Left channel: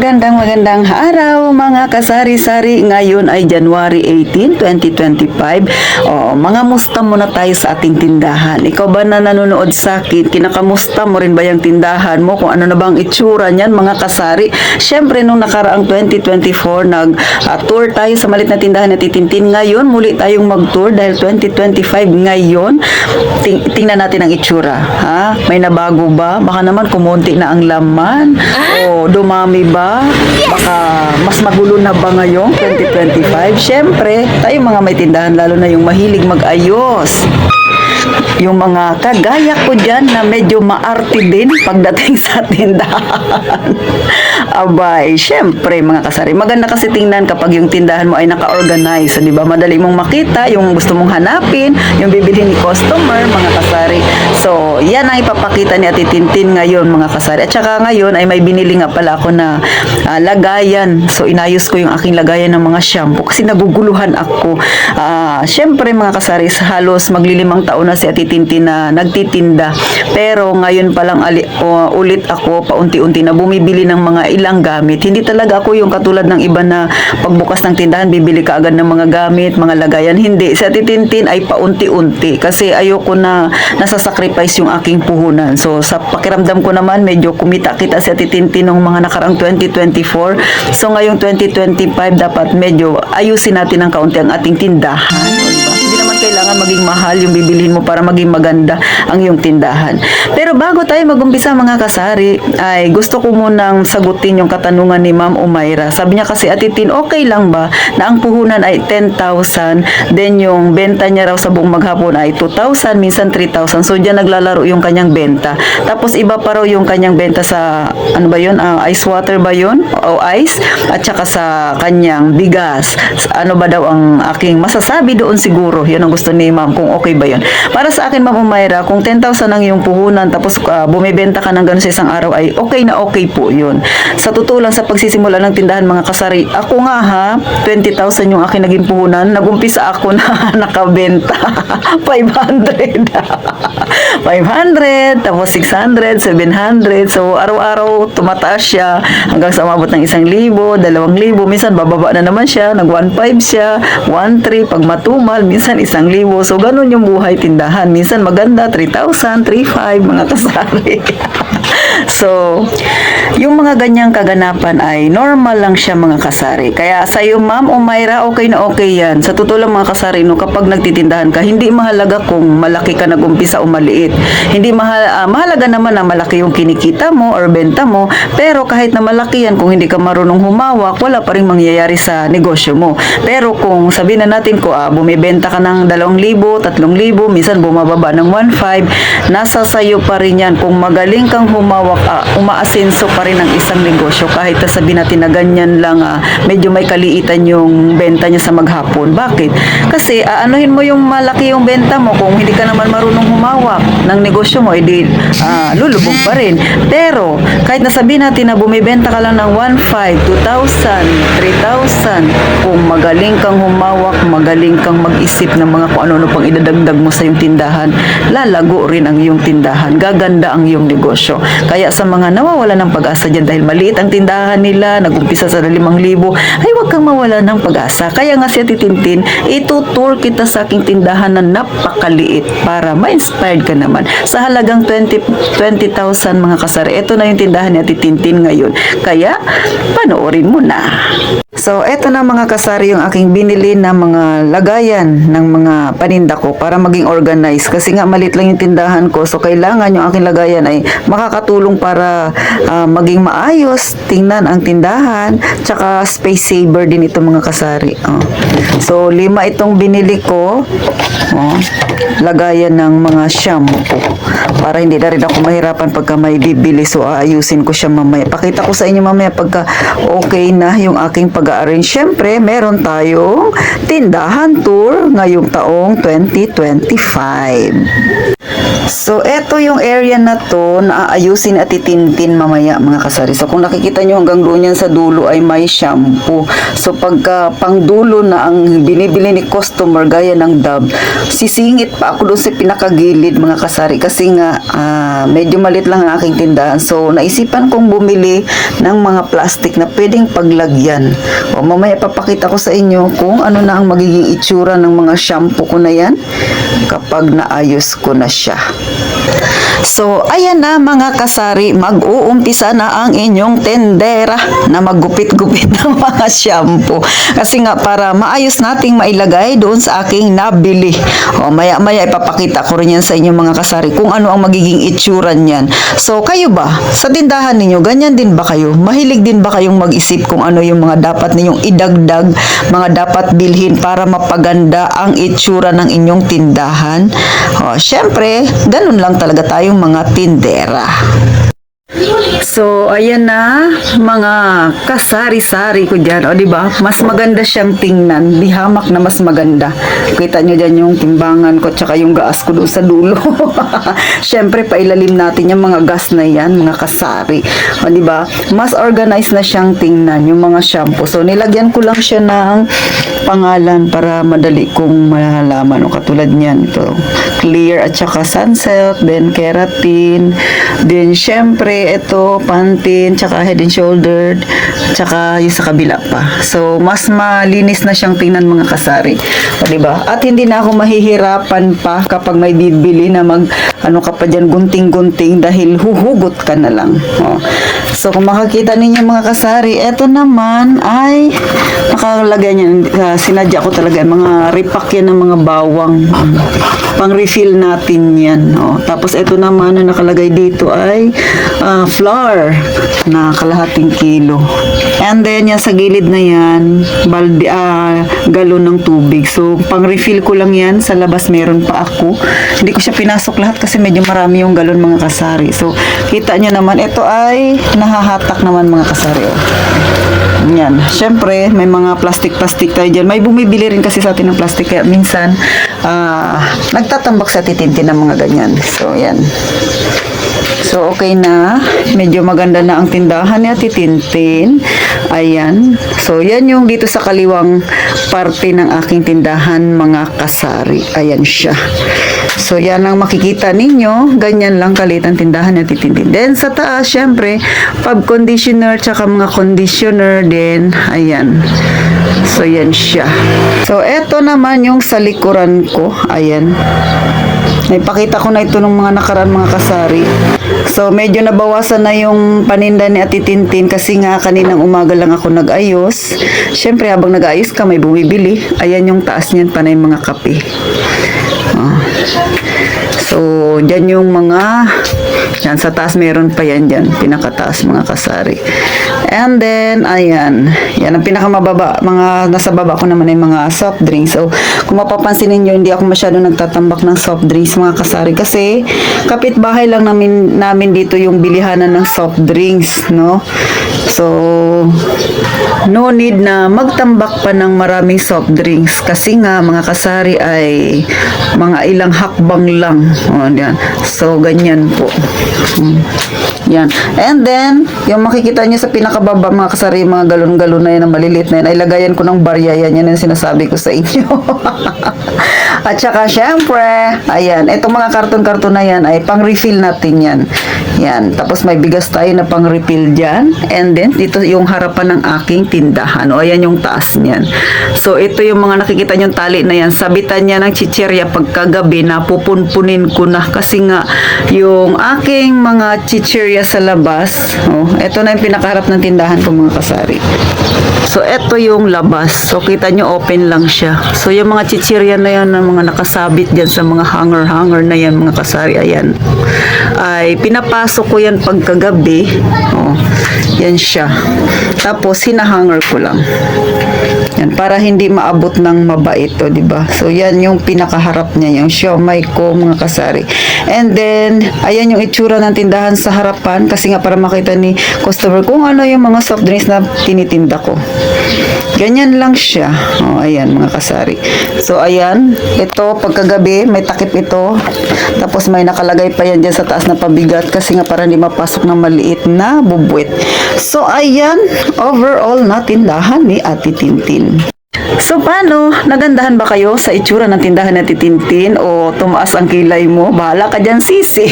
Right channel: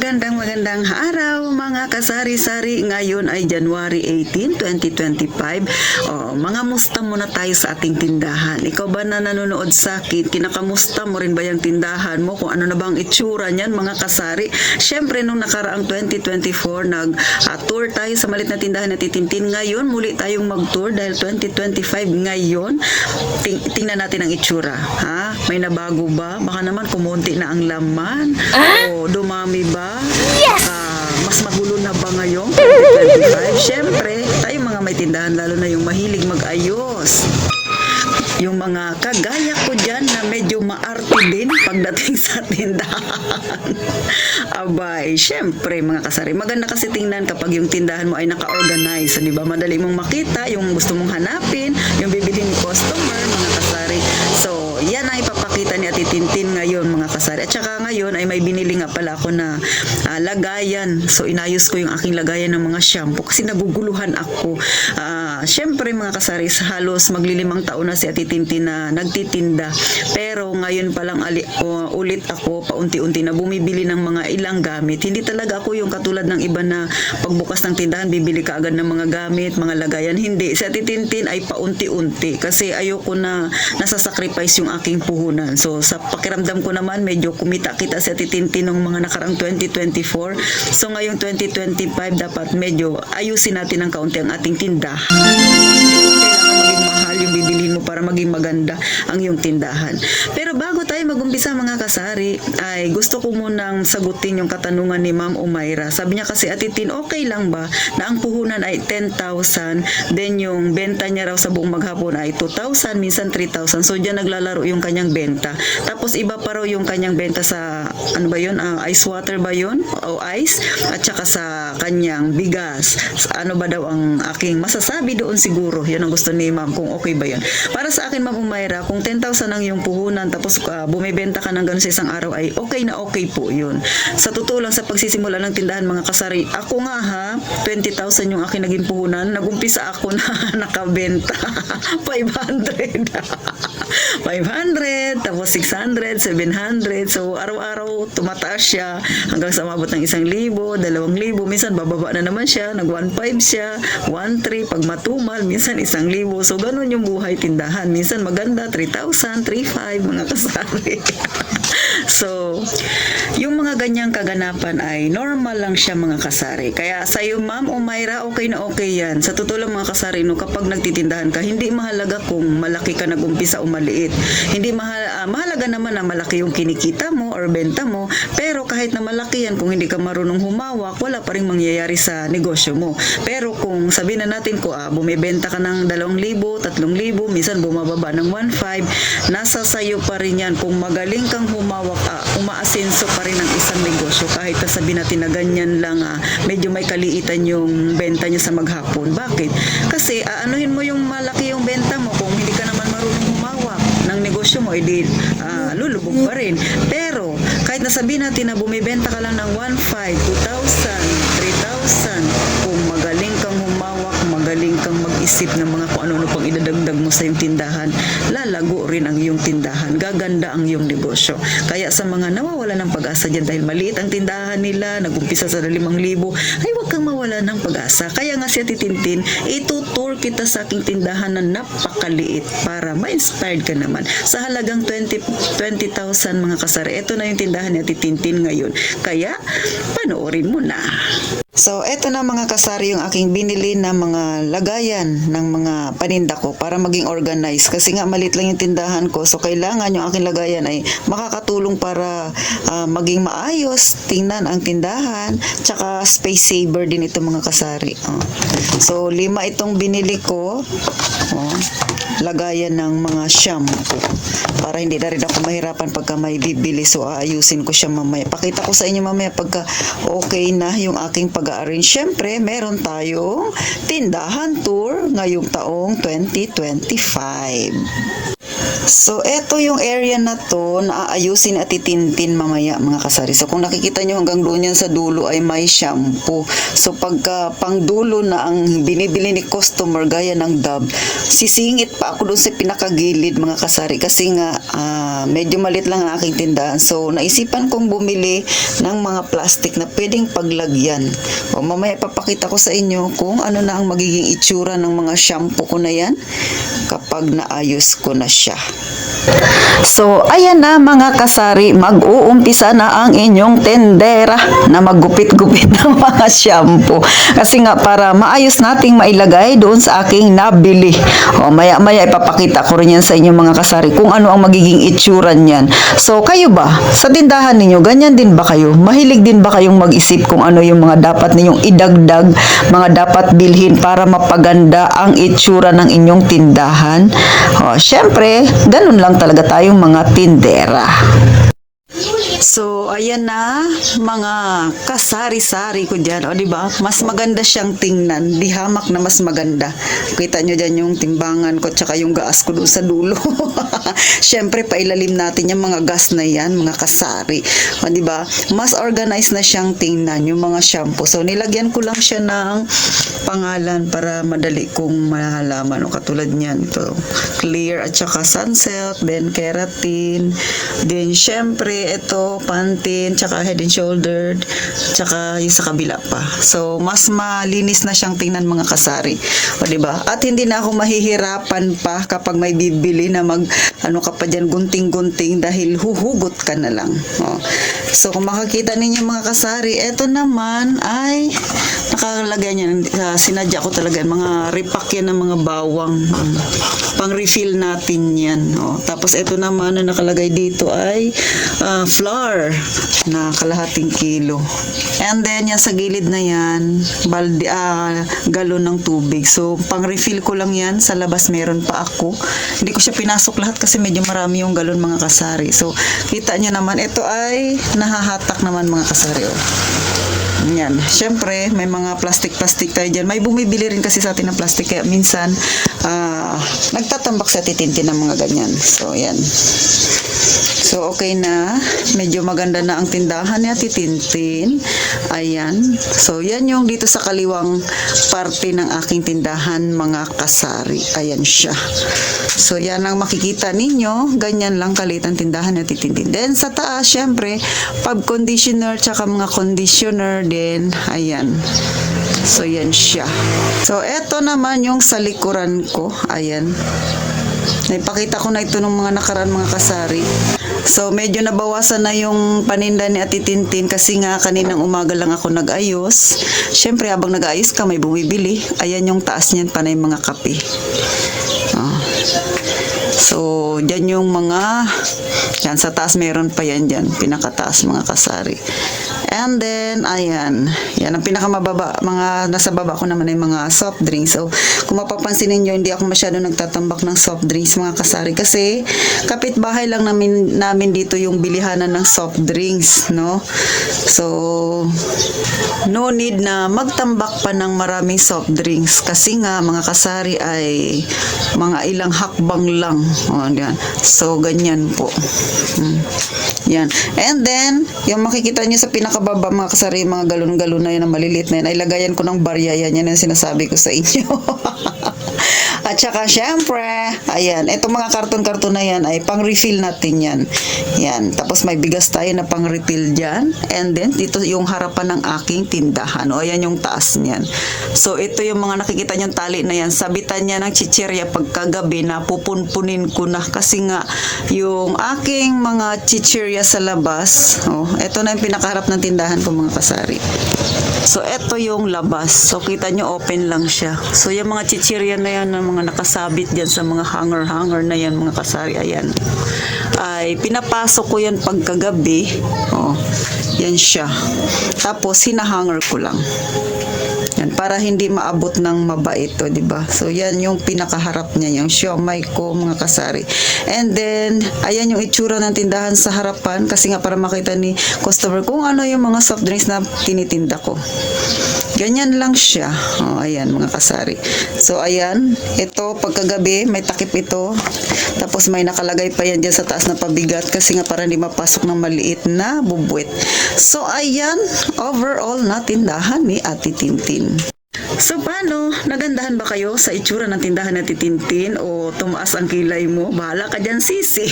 Magandang araw mga kasari-sari. Ngayon ay January 18, 2025. Mga musta muna tayo sa ating tindahan. Ikaw ba na nanonood sa akin? Kinakamusta mo rin ba yung tindahan mo? Kung ano na bang itsura niyan mga kasari? Siyempre nung nakaraang 2024 nag-tour tayo sa malit na tindahan na Titintin. Ngayon muli tayong mag-tour dahil 2025 ngayon. Tingnan natin ang itsura. Ha? May nabago ba? Baka naman kumunti na ang laman. O dumami ba? Baka mas magulo na ba ngayong 2025? Siyempre, tayo mga may tindahan, lalo na yung mahilig mag-ayos. Yung mga kagaya ko dyan na medyo maarte din pagdating sa tindahan. Abay, syempre mga kasari, maganda kasi tingnan kapag yung tindahan mo ay naka-organize. So, di ba? Madali mong makita yung gusto mong hanapin, yung bibilhin ni customer, mga kasari. So, yan ang ipapakita ni Ate Tintin ngayon, mga kasari. At saka ngayon ay may binili nga pala ako na lagayan. So, inayos ko yung aking lagayan ng mga shampoo kasi naguguluhan ako. Syempre mga kasari, halos maglilimang taon na si Ate Tintin na nagtitinda. Pero ngayon pa lang ulit ako paunti-unti na bumibili ng mga ilang gamit. Hindi talaga ako yung katulad ng iba na pagbukas ng tindahan, bibili ka agad ng mga gamit, mga lagayan. Hindi. Si Ate Tintin ay paunti-unti kasi ayoko na nasasacrifice yung aking puhunan. So sa pakiramdam ko naman, medyo kumita-kita si Ate Tintin nung mga nakarang 2024. So ngayong 2025, dapat medyo ayusin natin ng kaunti ang ating tindahan. Hindi naman kailangan maging mahal yung bibilhin mo para maging maganda ang iyong tindahan. Pero bago tayo mag-umpisa mga kasari, ay gusto ko munang sagutin yung katanungan ni Ma'am Umayra. Sabi niya kasi, Ate Tin, okay lang ba na ang puhunan ay 10,000, then yung benta niya raw sa buong maghapon ay 2,000, minsan 3,000. So diyan naglalaro yung kanyang benta. Tapos iba pa raw yung kanyang benta sa, ano ba yun, ice water ba yun? O ice? At saka sa kanyang bigas. Ano ba daw ang aking masasabi doon siguro? Yun ang gusto ni Ma'am, kung okay ba yun. Para sa akin, Ma'am Umayra, kung 10,000 ang iyong puhunan, tapos bumibenta ka ng gano'n sa isang araw, ay okay na okay po yun. Sa totoo lang, sa pagsisimula ng tindahan mga kasari, ako nga ha, 20,000 yung aking naging puhunan, nagumpisa ako na nakabenta 500 500, tapos 600, 700. So araw-araw tumataas siya hanggang sa umabot ng 1,000, 2,000, minsan bababa na naman siya, nag 1,500 siya, 1,300, pag matumal minsan 1,000. So ganun yung buhay tindahan, minsan maganda 3,000, 3,500 mga kasari. So, yung mga ganyang kaganapan ay normal lang siya mga kasari. Kaya sa iyo Ma'am Umayra, okay na okay yan. Sa totoo lang mga kasari, no, kapag nagtitindahan ka, hindi mahalaga kung malaki ka nag-umpisa o maliit. Hindi mahalaga naman na malaki yung kinikita mo or benta mo, pero kahit na malaki yan, kung hindi ka marunong humawak, wala pa rin mangyayari sa negosyo mo. Pero kung sabihin na natin ko, bumibenta ka ng 2,000, 3,000, minsan bumababa ng 1,500, nasa sayo pa rin yan. Kung magaling kang humawak, umaasenso pa rin ang isang negosyo kahit sabihin natin na ganyan lang, medyo may kaliitan yung benta niya sa maghapon. Bakit? Kasi anuhin mo yung malaki yung benta mo, kung hindi ka naman marunong humawak ng negosyo mo, edi lulubog pa rin. Pero kahit nasabihin natin na bumibenta ka lang ng 1,500, 2,000, 3,000, kung magaling kang humawak, magaling kang mag-isip ng mga kung ano-ano pang idadagdag mo sa iyong tindahan, lalago rin ang iyong tindahan, gaganda ang iyong negosyo. Kaya sa mga nawawala ng pag-asa dyan dahil maliit ang tindahan nila, nag-umpisa sa 5,000, ay huwag kang mawala ng pag-asa. Kaya nga si Ate Tintin, itutour kita sa aking tindahan na napakaliit para ma-inspired ka naman. Sa halagang 20,000 mga kasari, ito na yung tindahan ni Ate Tintin ngayon. Kaya, panoorin mo na. So, eto na mga kasari yung aking binili na mga lagayan ng mga paninda ko para maging organized. Kasi nga malit lang yung tindahan ko. So, kailangan yung aking lagayan ay makakatulong para maging maayos. Tingnan ang tindahan. Tsaka space saver din ito mga kasari. So, 5 itong binili ko. Lagayan ng mga shampoo. Para hindi na rin ako mahirapan pagka may bibili. So, aayusin ko siya mamaya. Pakita ko sa inyo mamaya pagka okay na yung aking pag-arrange. Siyempre, meron tayong tindahan tour ngayong taong 2025. So, eto yung area na to na aayusin at itintin mamaya mga kasari. So, kung nakikita nyo hanggang doon yan sa dulo ay may shampoo. So, pagka pang dulo na ang binibili ni customer gaya ng Dove, sisingit pa ako doon sa pinakagilid mga kasari kasi nga medyo malit lang ang aking tindahan. So, naisipan kong bumili ng mga plastic na pwedeng paglagyan. O, mamaya papakita ko sa inyo kung ano na ang magiging itsura ng mga shampoo ko na yan kapag naayos ko na siya. So, ayan na mga kasari, mag-uumpisa na ang inyong tendera na maggupit-gupit ng mga shampoo. Kasi nga, para maayos nating mailagay doon sa aking nabili. O, maya-maya ipapakita ko rin yan sa inyong mga kasari kung ano ang magiging itsura niyan. So, kayo ba? Sa tindahan ninyo, ganyan din ba kayo? Mahilig din ba kayong mag-isip kung ano yung mga dapat ninyong idagdag, mga dapat bilhin para mapaganda ang itsura ng inyong tindahan? O, syempre, ganun lang talaga tayong mga tindera. So, ayan na, mga kasari-sari ko dyan. O, diba? Mas maganda siyang tingnan. Di hamak na mas maganda. Kita nyo dyan yung timbangan ko tsaka yung gas ko doon sa dulo. Siyempre, pailalim natin yung mga gas na yan, mga kasari. O, diba? Mas organized na siyang tingnan yung mga shampoo. So, nilagyan ko lang siya ng pangalan para madali kong malalaman. O, katulad niyan. Ito, clear at saka sunsilk, then keratin, then syempre, ito, Pantene, tsaka Head and Shoulder, tsaka yung sa kabila pa. So, mas malinis na siyang tingnan mga kasari. O, diba? At hindi na ako mahihirapan pa kapag may bibili na ano ka pa dyan, gunting-gunting dahil huhugot ka na lang. O. So, kung makakita ninyo mga kasari, eto naman ay nakalagay niyan, sinadya ko talaga, mga repack yan ng mga bawang. Pang-refill natin yan. O. Tapos, eto naman na nakalagay dito ay flour na kalahating kilo. And then, yan sa gilid na yan, galon ng tubig. So, pang-refill ko lang yan. Sa labas meron pa ako. Hindi ko siya pinasok lahat kasi medyo marami yung galon mga kasari. So, kita nyo naman, ito ay nahahatak naman mga kasari. Yan. Siyempre, may mga plastic-plastic tayo dyan. May bumibili rin kasi sa atin ng plastic. Kaya minsan, nagtatambak sa titintin ng mga ganyan. So, yan. So, okay na. Medyo maganda na ang tindahan niya, titintin. Ayan. So, yan yung dito sa kaliwang parte ng aking tindahan, mga kasari. Ayan siya. So, yan ang makikita ninyo. Ganyan lang kalit ang tindahan niya, titintin. Then, sa taas, syempre, pub conditioner, tsaka mga conditioner din. Ayan. So, yan siya. So, eto naman yung sa likuran ko. Ayan. Naipakita ko na ito ng mga nakaraan mga kasari. So, medyo nabawasan na yung paninda ni Ate Tintin kasi nga kaninang umaga lang ako nag-ayos. Siyempre, habang nag-ayos ka, may bumibili. Ayan yung taas niyan, panay mga kape. So, dyan yung mga... Yan, sa taas meron pa yan dyan. Pinakataas mga kasari. And then, ayan. Yan ang pinakamababa. Mga nasa baba ko naman ay mga soft drinks. So, kung mapapansin ninyo, hindi ako masyado nagtatambak ng soft drinks mga kasari. Kasi, kapitbahay lang namin dito yung bilihanan ng soft drinks, no? So, no need na magtambak pa ng maraming soft drinks. Kasi nga, mga kasari ay mga ilang hakbang lang. O, yan. So, ganyan po. Yan. And then, yung makikita nyo sa pinakababa mga kasari, mga galon-galon na yan, na maliliit na yan, ay lagayan ko ng barya yan. Yan ang sinasabi ko sa inyo. At saka, syempre, ayan, itong mga karton-karton na yan, ay pang-refill natin yan. Yan. Tapos may bigas tayo na pang-refill dyan. And then, dito yung harapan ng aking tindahan. O, ayan yung taas niyan. So, ito yung mga nakikita nyong tali na yan. Sabitan niya ng chichirya pagkagabi na pupunpunin ko na. Kasi nga, yung aking mga chichirya sa labas, oh, ito na yung pinakaharap ng tindahan ko mga kasari. So, ito yung labas. So, kita nyo, open lang siya. So, yung mga chichirya na yan, na mga nakasabit dyan sa mga hanger na yan, mga kasari, ayan. Ay, pinapasok ko yan pagkagabi. Oh, yan siya. Tapos, hinahanger ko lang. Yan, para hindi maabot ng mabait, o, di ba? So, yan yung pinakaharap niya, yung siomay ko, mga kasari. And then, ayan yung itsura ng tindahan sa harapan, kasi nga para makita ni customer kung ano yung mga soft drinks na tinitinda ko. Ganyan lang siya. O, ayan, mga kasari. So, ayan. Ito, pagkagabi, may takip ito. Tapos, may nakalagay pa yan dyan sa taas na pabigat kasi nga para hindi mapasok ng maliit na bubuit. So, ayan. Overall na tindahan ni Ate Tintin. So, paano? Nagandahan ba kayo sa itsura ng tindahan na Titintin o tumaas ang kilay mo? Bahala ka dyan, sisi.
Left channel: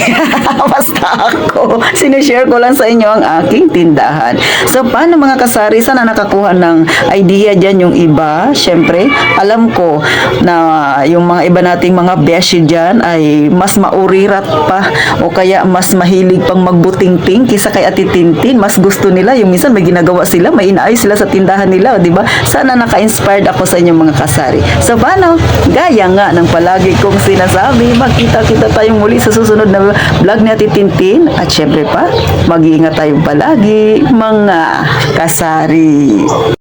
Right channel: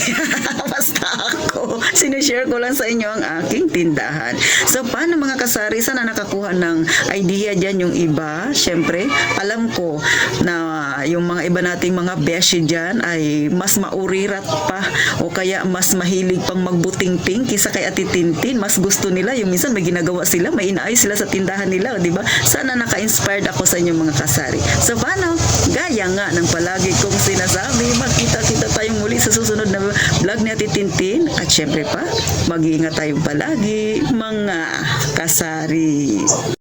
Basta ako. Sinishare ko lang sa inyo ang aking tindahan. So, paano mga kasari? Sana nakakuha ng idea dyan yung iba. Siyempre, alam ko na yung mga iba nating mga beshi dyan ay mas maurirat pa o kaya mas mahilig pang magbuting-ting kisa kay Ate Tintin. Mas gusto nila. Yung minsan may ginagawa sila, may inaayos sila sa tindahan nila, di ba? Sana naka-inspired ako sa inyong mga kasari. So, paano? Gaya nga ng palagi kong sinasabi, magkita-kita tayong muli sa susunod na vlog ni Ate Tintin. At syempre pa, mag-iingat tayong palagi, mga kasari.